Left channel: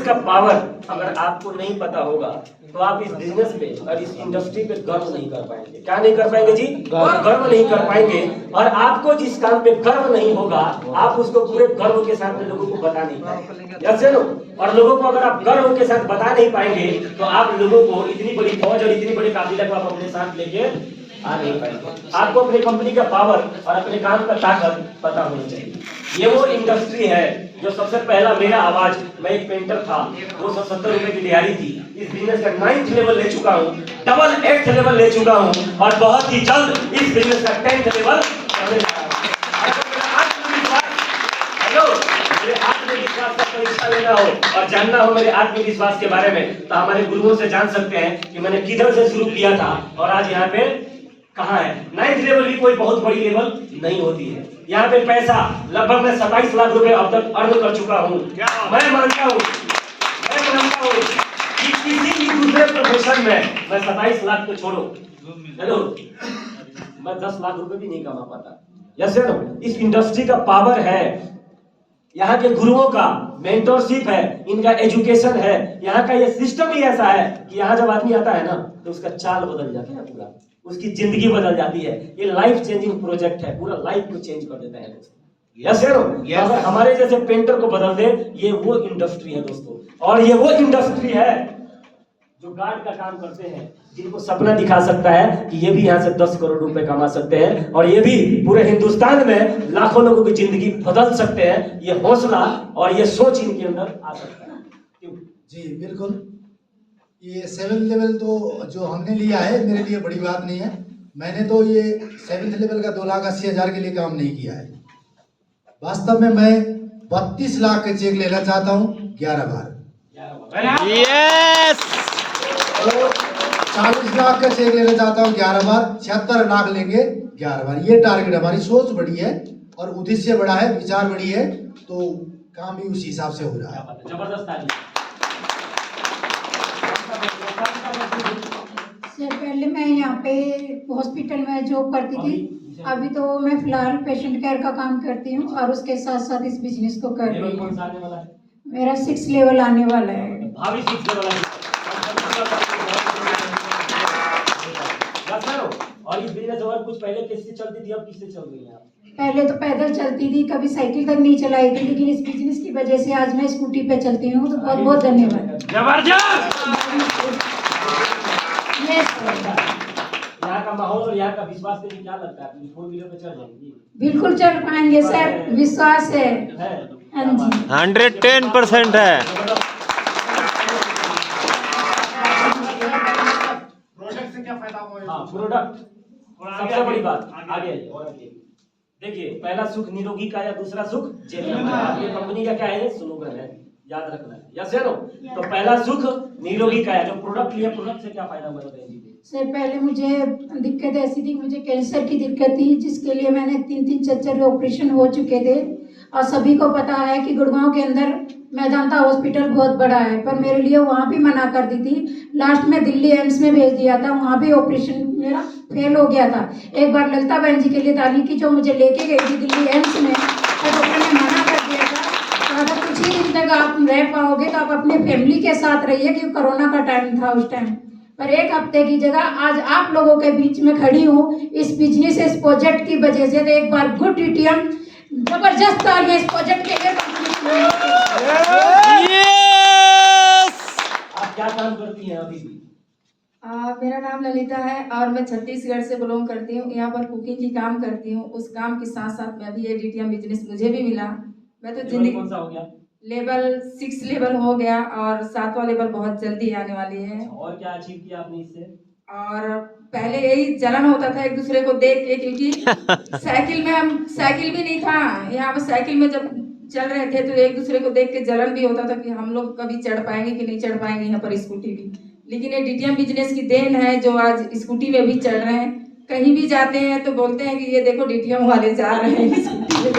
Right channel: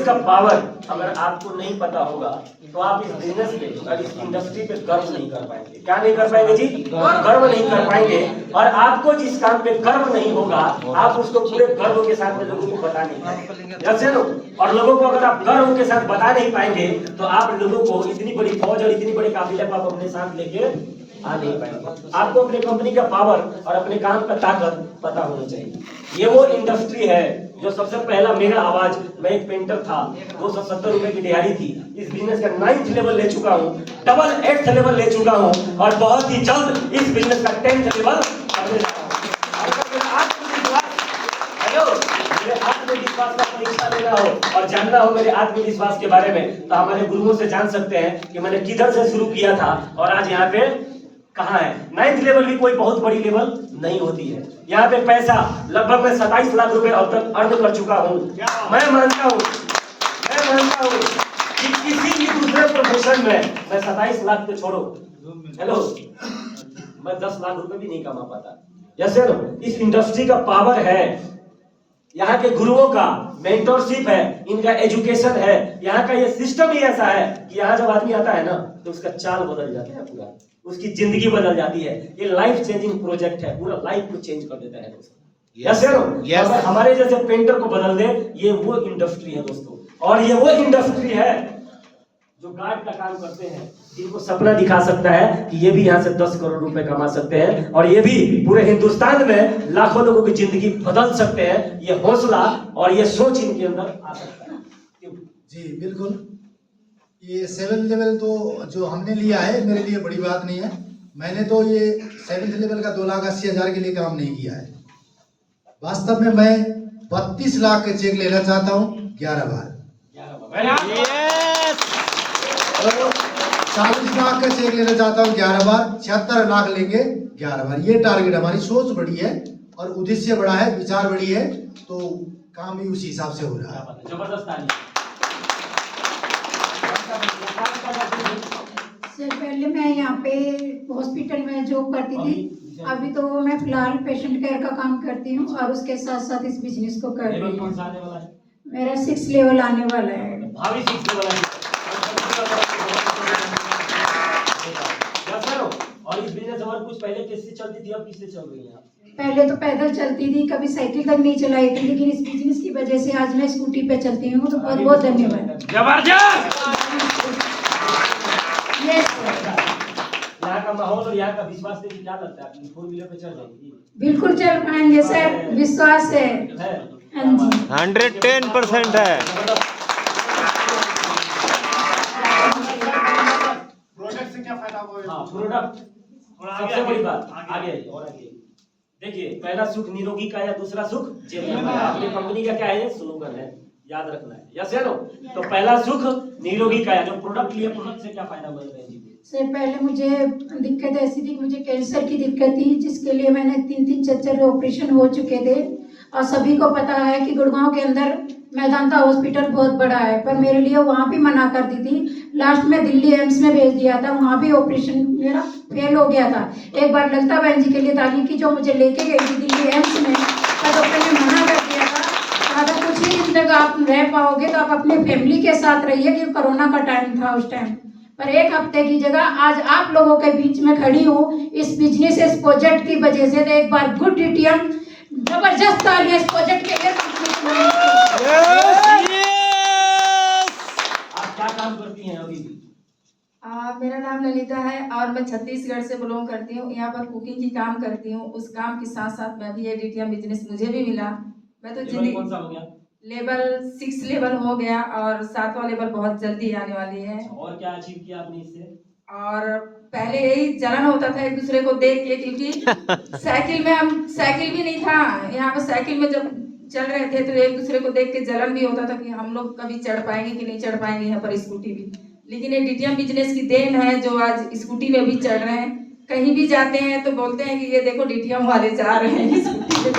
का पावर अगर आपको नहीं पता होगा तो आप इस बिजनेस पे और इस इंडस्ट्री पे गर्व नहीं कर पाएंगे। क्या नहीं कर पाएंगे जी? गर्व नहीं कर पाएंगे। और आपको जिस काम पे गर्व नहीं होगा आप उसको पूरे गर्व के साथ में लोगों को बता नहीं पाएंगे। जैसे लो, और लोगों को अगर आप गर्व के साथ बता नहीं पाएंगे तो आप लोगों को इतनी बड़ी फौज और इतनी बड़ी काबिलियत को आप अपने साथ लेके आ नहीं पाएंगे। आपको अपनी कंपनी का पावर और अपने काम का ताकत पता होनी चाहिए। ये वो इंडस्ट्री है जो सबसे पहला मेरा आवाज, मैं एक पेंटर था, 270 रुपए की दिहाड़ी थी, इस बिजनेस का 9th लेवल ले चुका हूँ, डबल 8th लेवल ले चुका हूँ और बहुत ही जल्द इस बिजनेस का 10th लेवल आत्मविश्वास का परीक्षा लेना हो और जानना हो मेरे आत्मविश्वास के बारे में तो हमारे गुरुओं से जान सकते हैं कि मैंने किधर से शुरू किया था और आज यहाँ पे कहाँ है। 9th लेवल की कोई बहुत बड़ी लेवल नहीं होती है। यहाँ पे पैसा लगभग मैं 27 लाख रुपए अब तक अर्न कर चुका हूँ। मैं मानता हूँ कि किसी भी दूसरे प्रोफेशन में मैं 27 लाख को छोड़ो, हेलो, मैं 10 लाख रुपए भी नहीं कमा पाता। जैसे ना इस इंडस्ट्री का पावर है, यहाँ के गुरुओं का मेंटरशिप है, इनका एजुकेशन है, यहाँ का ये सिस्टम ही ऐसा है कि यहाँ जब आदमी आता है ना तो उसका चाल बदल जाता है, पूरा उसकी जिंदगी बदल जाती है। ये लाइफ चेंजिंग प्रोजेक्ट है, पूरा लाइफ को चेंज कर देता है दोस्तों। अगर हमारे जैसे पेंटर को बदल दे, ये वो इंडस्ट्री है दोस्तों। और ये वो इंडस्ट्री है जो गार्ड का काम करते हैं, जिनको सपना दिखा सकता है कि ये भी यहाँ से 10 करोड़ रुपए कमा सकते हैं और ये भी पूरे हिंदुस्तान में लाखों लोगों की जिंदगी बदल सकते हैं। ये हौसला और ये सोच इनके अंदर आ सकता है। जी बिल्कुल, ये 7th लेवल तो जो हमने लिया है मेरे लिए बड़ी बात नहीं है। मैंने तो ये 7th लेवल का 2,80,000 के लिए काम नहीं किया है। वास्तव में मैं 32 लाख के चेक लेना चाहता हूँ 11 बार। यस। 40 लाख का चेक लेना चाहता हूँ 11 बार, 76 लाख लेंगे 11 बार। ये टारगेट, हमारी सोच बड़ी है और उद्देश्य बड़ा है, विचार बड़ी है, तो काम भी उसी हिसाब से हो रहा है। जबरदस्त। सर पहले मैं यहाँ पे हॉस्पिटल में जॉब करती थी, अभी तो मैं फिलहाल पेशेंट केयर का काम करती हूँ और उसके साथ साथ इस बिजनेस को कर रही हूँ। मेरा 6 लेवल आने वाला है। भावी 6 लेवल है। और इस बिजनेस और कुछ पहले किससे चलती थी, अब किससे चल रही है? पहले तो पैदल चलती थी, कभी साइकिल तक नहीं चलाई थी, लेकिन इस बिजनेस की वजह से आज मैं स्कूटी पे चलती हूँ। तो बहुत बहुत धन्यवाद। यहाँ का माहौल और यहाँ का विश्वास से क्या लगता है, अपनी 4 व्हीलर पे चल जाएंगी? बिल्कुल चल पाएंगे सर, विश्वास है। 110% है। प्रोडक्ट से क्या फायदा होगा? हाँ, प्रोडक्ट सबसे बड़ी बात। आगे और आगे देखिए, पहला सुख निरोगी का या दूसरा सुख जेब में। अपनी कंपनी का क्या है स्लोगन है, याद रखना है। यस या नो? तो पहला सुख निरोगी का, जो प्रोडक्ट लिया, प्रोडक्ट से क्या फायदा हुआ बहन जी? सर पहले मुझे दिक्कत ऐसी थी कि मुझे कैंसर की दिक्कत थी, जिसके लिए मैंने 3-3 4 ऑपरेशन हो चुके थे। और सभी को पता है कि गुड़गांव के अंदर मेदांता हॉस्पिटल बहुत बड़ा है, पर मेरे लिए वहाँ भी मना कर दी थी। लास्ट में दिल्ली एम्स में भेज दिया था, वहाँ भी ऑपरेशन मेरा फेल हो गया था। एक बार ललिता बहन जी के लिए ताली की, जो मुझे लेके गई थी दिल्ली एम्स में, तो डॉक्टर ने मना कर दिया था, तो अगर कुछ ही दिन तक आप रह पाओगे तो आप अपने फैमिली के साथ रहिए, क्योंकि कोरोना का टाइम था उस टाइम। पर 1 हफ्ते की जगह आज आप लोगों के बीच में खड़ी हूँ इस बिजनेस, इस प्रोजेक्ट की वजह से। तो एक बार गुड डीटीएम, जबरदस्त तालियां इस प्रोजेक्ट के लिए। आप क्या काम करती हैं अभी भी? मेरा नाम ललिता है और मैं छत्तीसगढ़ से बिलोंग करती हूँ। यहाँ पर कुकिंग की काम करती हूँ। उस काम के साथ साथ मैं भी ये डीटीएम बिजनेस मुझे भी मिला। मैं तो जिंदगी कौन सा हो गया? लेवल 6 लेवल हो गया और 7वां लेवल बहुत जल्दी आने वाली है। और क्या अचीव किया आपने इससे? और पहले यही जलन होता था एक दूसरे को देख के, क्योंकि साइकिल भी नहीं था यहाँ पर। साइकिल में जब चल रहे थे तो एक दूसरे को देख के जलन भी होता था कि हम लोग कभी चढ़ पाएंगे कि नहीं चढ़ पाएंगे यहाँ पर स्कूटी भी। लेकिन ये डीटीएम बिजनेस की देन है जो आज स्कूटी में भी चढ़ रहे हैं। कहीं भी जाते हैं तो बोलते हैं कि ये देखो डीटीएम वाले जा रहे हैं स्कूटी पे।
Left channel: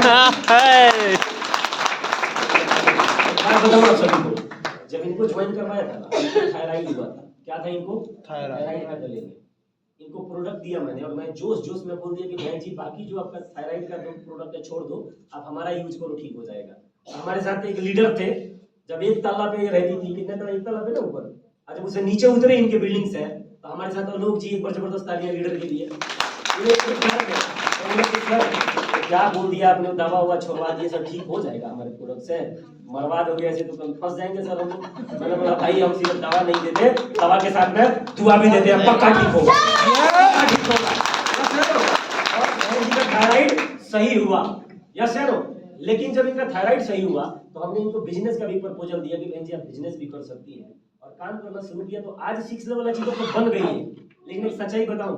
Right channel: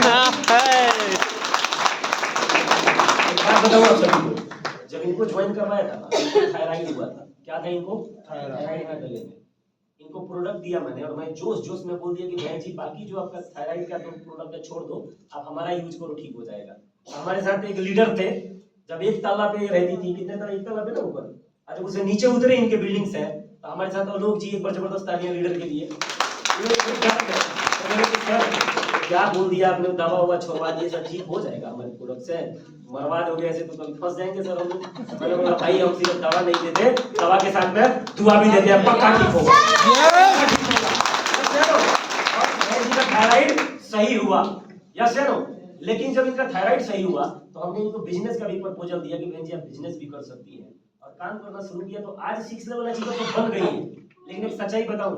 जब इनको ज्वाइन करवाया था, थायराइड हुआ था। क्या था इनको? थायराइड था गले में। इनको प्रोडक्ट दिया मैंने और मैं जोश में बोल दिया कि भाई जी बाकी जो आपका थायराइड का जो प्रोडक्ट है छोड़ दो, आप हमारा यूज करो, ठीक हो जाएगा। हमारे साथ एक लीडर थे, जब एक तल्ला पे रहती थी, कितने तल्ला, एक तल्ला पे ना ऊपर, और जब उसे नीचे उतरे इनके बिल्डिंग से, तो हमारे साथ लोग जी एक बार जबरदस्त तालियां लीडर के लिए। ये एक डर है, तो मैंने कहा, सर क्या बोल दिया आपने, दवा हुआ छोड़वा दिए, सब ठीक हो जाएगा हमारे प्रोडक्ट से, मरवा दोगे ऐसे तो कल फंस जाएंगे सर हम लोग। मैंने बोला भाई हम सिर्फ दवा नहीं देते, दवा के साथ में दुआ भी देते हैं, पक्का ठीक होगा, पक्का ठीक होगा। और बहन जी का थायराइड सही हुआ, यस सर। लेकिन जब इनका थायराइड सही हुआ तो हमने इनको बिजनेस का भी प्रपोजल दिया कि बहन जी आप बिजनेस भी कर सकती हैं, और काम करना शुरू किया, तो आज 6 लेवल अचीवर तो बन गई है। लेकिन एक सच्चाई बताऊं,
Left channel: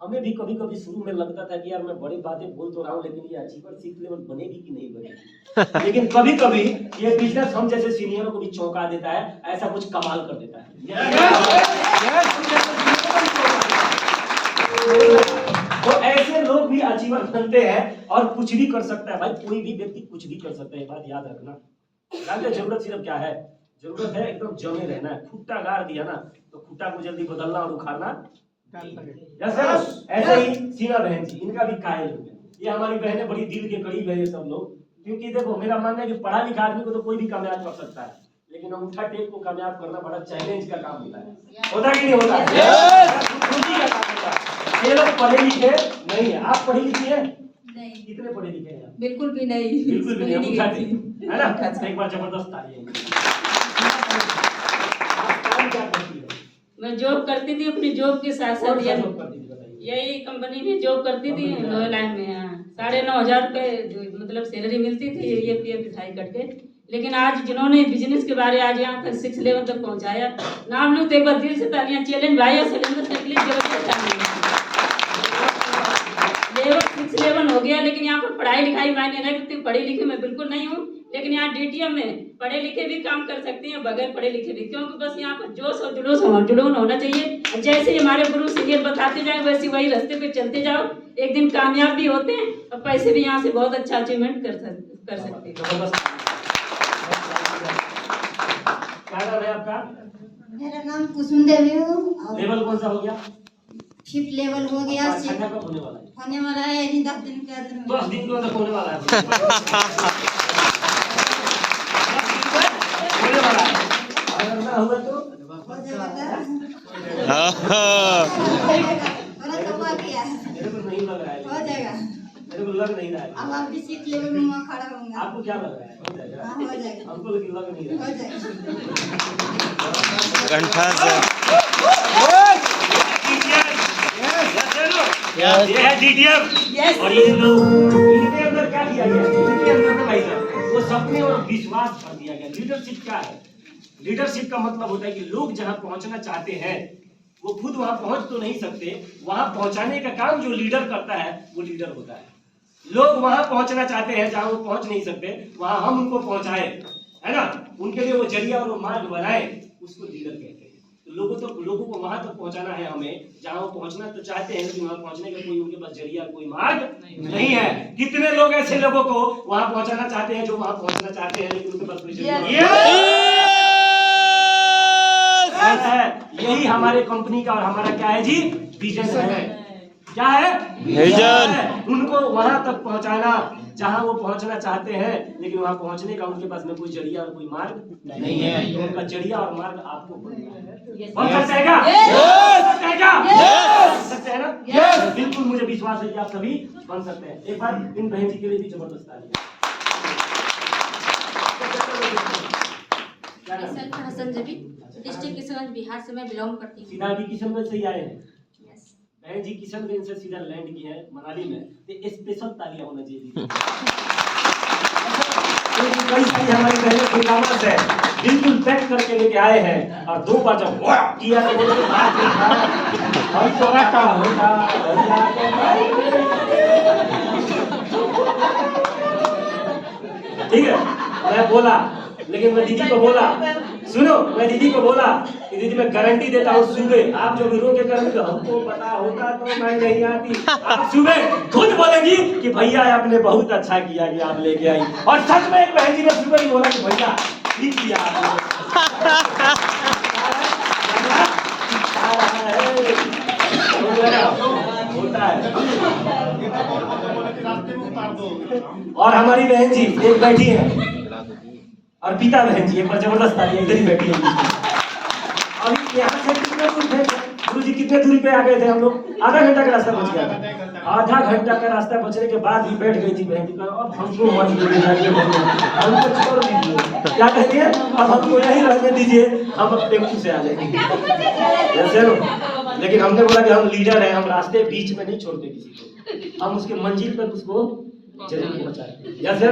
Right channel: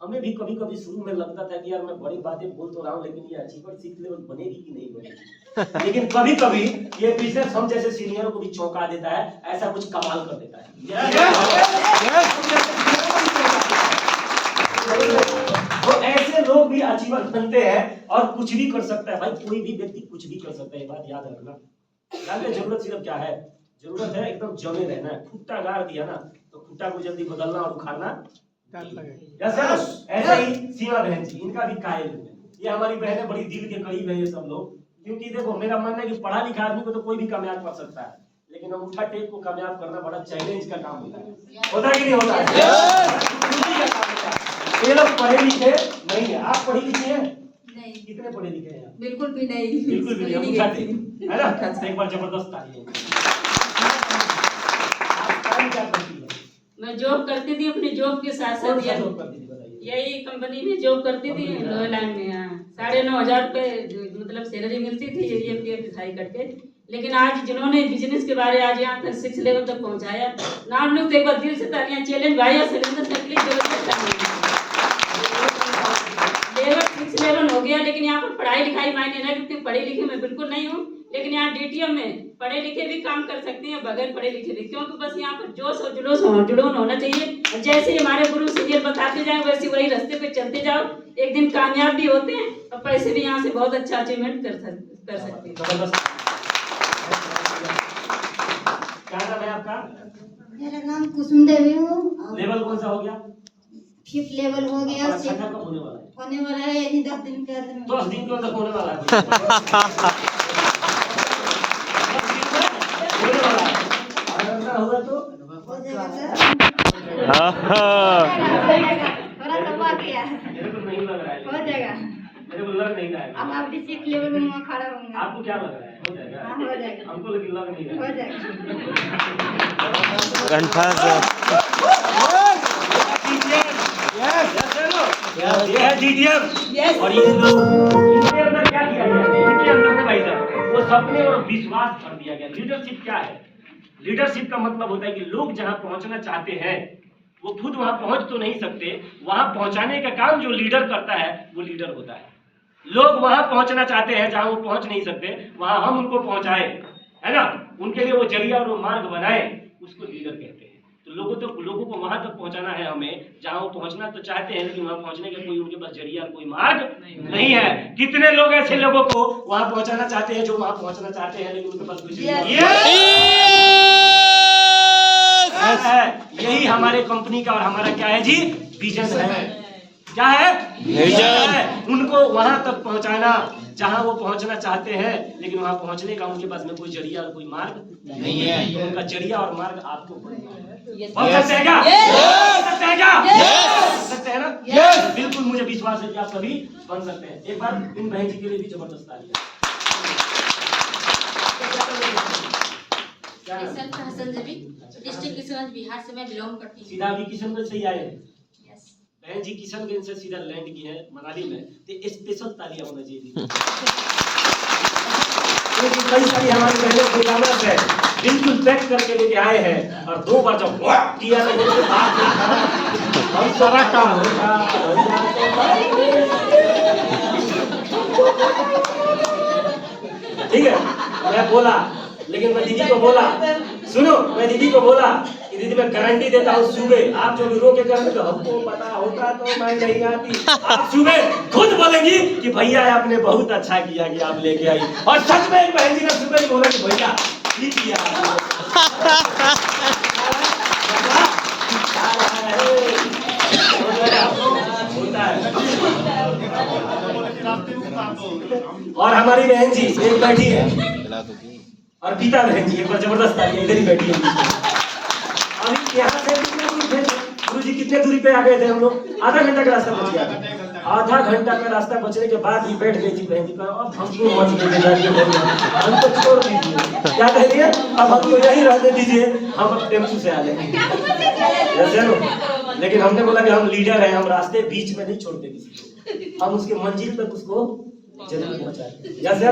हमें भी कभी कभी शुरू में लगता था कि यार मैं बड़ी बातें बोल तो रहा हूँ, लेकिन ये अचीवर 6 लेवल बनेगी कि नहीं बनेगी। लेकिन कभी कभी ये बिजनेस हम जैसे सीनियरों को भी चौंका देता है, ऐसा कुछ कमाल कर देता है। तो ऐसे लोग भी अचीवर बनते हैं और कुछ भी कर सकता है। भाई कोई भी व्यक्ति कुछ भी कर सकता है, बात याद रखना। जानते जरूरत सिर्फ क्या है, जरूरत है एकदम जमे रहना है। खुट्टा गाड़ दिया ना तो खुट्टा को जल्दी बदलना और उखाड़ना। ऐसे ही सीमा बहन जी, इनका भी कायल है। ये हमारी बहनें बड़ी दिल के करीब है ये सब लोग, क्योंकि देखो मेरा मानना है कि पढ़ा लिखा आदमी को तो कोई भी कामयाब कर सकता है, लेकिन अंगूठा टेक को कामयाब करना बड़ा चैलेंज का काम होता है। होता कि नहीं होता है? ये लोग पढ़े लिखे नहीं है, आप पढ़ी लिखी हैं? नहीं, कितने पढ़े लिखे हैं आप? बिल्कुल भी नहीं, बिल्कुल भी नहीं, अंगूठा टेक है ना। तो एक बार जबरदस्त ताली है। आप काम क्या करती है? मैं जॉब करती थी, अपनी जॉब के साथ कौन साथ सा जॉब करती थी बताइए? यही कंपनी में जॉब करती थी, लॉयलैंड में। 9,500 रुपए मतलब सैलरी मिलती थी, ये पिटाई करके। लेकिन आज जिन्होंने बिजनेस के बारे आज यहाँ तक 6 लेवल तक पहुँचाया, नाम लोग तो एक बार दिल से तालियां। चैलेंज भाई और सिलेंडर से जबरदस्त लेवल 6 लेवल हो गया। लेकिन यहाँ पर पढ़ाई लिखाई मायने नहीं रखती, पढ़ी लिखी मैं बिल्कुल नहीं हूँ, लेकिन यहाँ डीटीएम में पढ़े लिखे भी काम कर सकते हैं, बगैर पढ़े लिखे भी, क्योंकि बस यहाँ पर जोश और जुनून होना चाहिए। जैसे हमारे गुरु सीनियर बताते जाए वैसे वही रास्ते पे चलते जाओ, एक दिन कामयाब भी होते हैं और पैसे भी यहाँ से बहुत अच्छा अचीवमेंट कर सकते हैं। क्या नाम है आपका? मेरा नाम कुसुम देवी हूँ। लेवल कौन सा हो गया? 5th लेवल हो गया। छठा कब होने वाला है? होने वाला है यानी 10 दिन के अंदर में। 10 दिन के अंदर होने वाला है। होने वाला है। अगर ना हुआ तो हो जाएगा सर। थोड़ा दबा दिया है। मेरे को नहीं लग रहा है। हो जाएगा। मेरे को लग नहीं रहा है। अब आप भी 6th लेवल में वहाँ खड़ा होंगे। आपको क्या लग रहा है? हो जाएगा? हाँ, हो जाएगा। हमको लेकिन लग नहीं रहा हो है। जाएगा। कंठा से ये है DTM। और ये लोग, इनके अंदर क्या किया गया? इनके अंदर में भाई साहब वो सपने और विश्वास भर दिया गया। लीडरशिप क्या है? लीडरशिप का मतलब होता है कि लोग जहां पहुंचना चाहते हैं वो खुद वहां पहुंच तो नहीं सकते, वहां पहुंचाने का काम जो लीडर करता है वो लीडर होता है। लोग वहां पहुंचना चाहते हैं जहां वो पहुंच नहीं सकते, वहां हम उनको पहुंचाए, है ना, उनके लिए वो जरिया और वो मार्ग बनाए, उसको लीडर कहते हैं। तो लोगों को वहां तक पहुंचाना है हमें जहां वो पहुंचना तो चाहते हैं, लेकिन वहां पहुंचने का कोई उनके पास जरिया और कोई मार्ग नहीं है। कितने लोग ऐसे लोगों को वहां पहुंचाना चाहते हैं जो वहां पहुंचना चाहते हैं, लेकिन उनके पास कोई जरिया है। यही हमारे कंपनी का और हमारा क्या है जी, विजन है। क्या है? विजन है। उनको वहां तक पहुंचाना जहां वो पहुंचना चाहते हैं, लेकिन वहां पहुंचने का उनके पास में कोई जरिया और कोई मार्ग नहीं है। तो उनका जरिया और मार्ग आपको बनना है। बन सकते हैं क्या? बन सकते हैं क्या? बन सकते हैं ना? बिल्कुल मुझे विश्वास है कि आप सभी बन सकते हैं। एक बार इन बहन जी के लिए भी जबरदस्त तालियां। क्या नाम है? हसन जबी, डिस्ट्रिक्ट किशनगंज बिहार से मैं बिलोंग करती हूँ। सीधा अभी किशनगंज से ही आए हैं। यस। बहन जी किशनगंज से सीधा लैंड की है मनाली में, तो स्पेशल तालियां होना चाहिए। क्योंकि कई सारी हमारी बहनें खुदावत है, बिल्कुल पैक करके लेके आए हैं, और 2 बार जब वाह किया तो बोले बात हम सोना का होता ठीक है। मैं बोला, लेकिन मैं दीदी को बोला, सुनो, मैं दीदी को बोला कि दीदी मैं गारंटी देता हूँ सुबह आप जो भी रोके करेंगे तो हमको पता होता तो मैं नहीं आती। आप सुबह खुद बोलेंगी कि भैया आपने बहुत अच्छा किया कि आप लेके आई, और सच में एक बहन जी ने सुबह ही बोला कि भैया ठीक किया होता है। और हमारी बहन जी एक बैठी है, और पीता बहन जी एक बार जबरदस्त तालियां, इधर ही बैठी है बीच में। अभी यहाँ से कितने दूर थे गुरु जी, कितने दूरी पे आ गए थे हम लोग? आधा घंटा का रास्ता बच गया था। आधा घंटा का रास्ता बचने के बाद ही बैठ गई थी बहन जी, अब हमको मत लेके जाइए, हमको छोड़ दीजिए। क्या कह रही है? अब हमको यहीं रहने दीजिए, हम अब टेम्पू से आ जाएंगे। लेकिन हमने बोला कि हम लीडर हैं, हम रास्ते बीच में नहीं छोड़ते किसी को, हम उसके मंजिल तक उसको जरूर पहुंचाएंगे। जैसे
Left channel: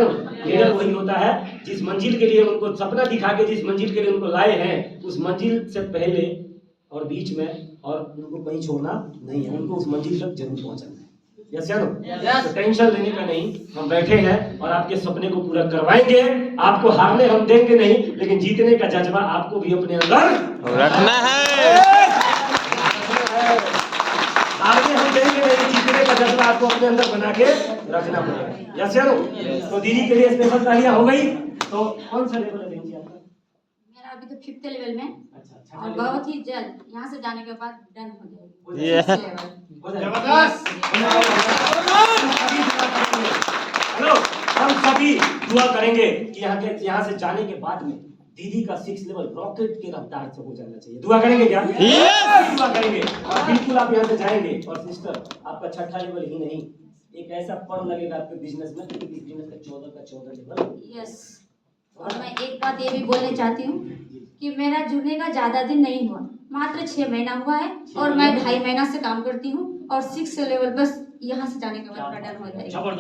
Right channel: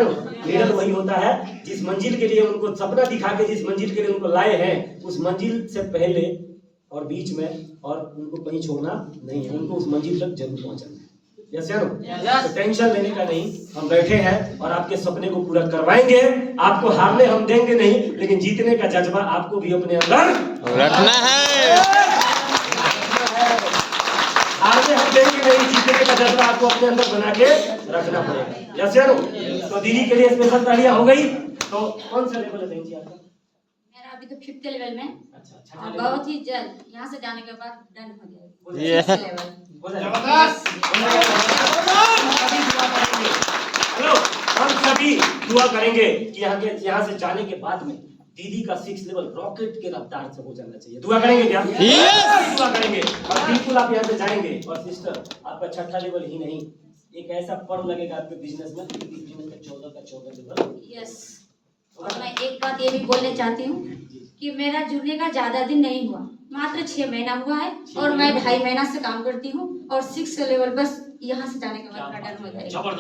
लीडर वही होता है जिस मंजिल के लिए उनको सपना दिखा के, जिस मंजिल के लिए उनको लाए हैं, उस मंजिल से पहले और बीच में और उनको कहीं छोड़ना नहीं है, उनको उस मंजिल तक जरूर पहुंचाना है। यस या नो? तो टेंशन लेने का नहीं, हम बैठे हैं और आपके सपने को पूरा करवाएंगे। आपको हारने हम देंगे नहीं, लेकिन जीतने का जज्बा आपको भी अपने अंदर रखना है। हारने हम देंगे नहीं, जीतने का जज्बा आपको अपने अंदर बना के रखना पड़ेगा। यस या नो? तो दीदी के लिए स्पेशल तालियां हो गई। तो कौन सा लेवल है बहन जी आपका? मेरा अभी तो 5th लेवल में, अच्छा, और बहुत ही जल्द यहाँ से जाने के बाद डन हो जाएगा। ये 6th लेवल। हेलो, हम सभी दुआ करेंगे कि यहाँ से जाने के बाद में दीदी का 6th लेवल रॉकेट के रफ्तार से हो जाना चाहिए। दुआ करेंगे क्या? Yes! दुआ करेंगे। और बिल्कुल आप यहाँ से जाएंगे। और सिस्टर, आपका 6ठा लेवल ही नहीं, एक ऐसा पढ़ लगेगा आपके बिजनेस में, बिजनेस का 14 का 14 लेवल। यस। और मैं एक बात ये भी बोलना चाहती हूँ कि मेरा जुड़ने का ज्यादा दिन नहीं हुआ, मात्र 6 महीना हुआ है, और मैं 2.5 महीना से काम करती हूँ, और 6th लेवल बस यहाँ से जाने के बाद डन हो जाएगा। बहुत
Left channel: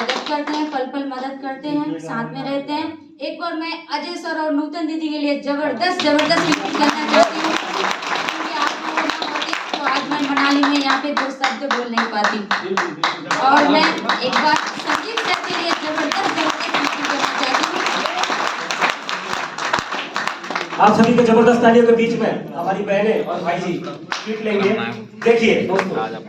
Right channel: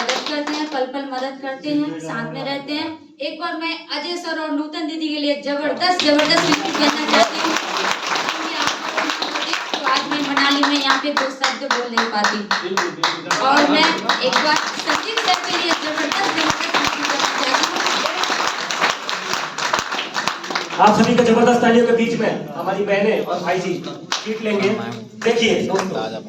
मदद करते हैं, पल पल मदद करते हैं, साथ में रहते हैं। एक बार मैं अजय सर और नूतन दीदी के लिए जबरदस्त गिफ्ट करना चाहती हूँ, क्योंकि आप लोगों को होती तो आज मैं मनाली में यहाँ पे 2 शब्द बोल नहीं पाती। और मैं एक बार संदीप सर के लिए जबरदस्त करना चाहती हूँ। आप सभी के जबरदस्त तालियों के बीच में हमारी बहनें और भाई जी ट्रीट लेंगे। देखिए दोस्तों,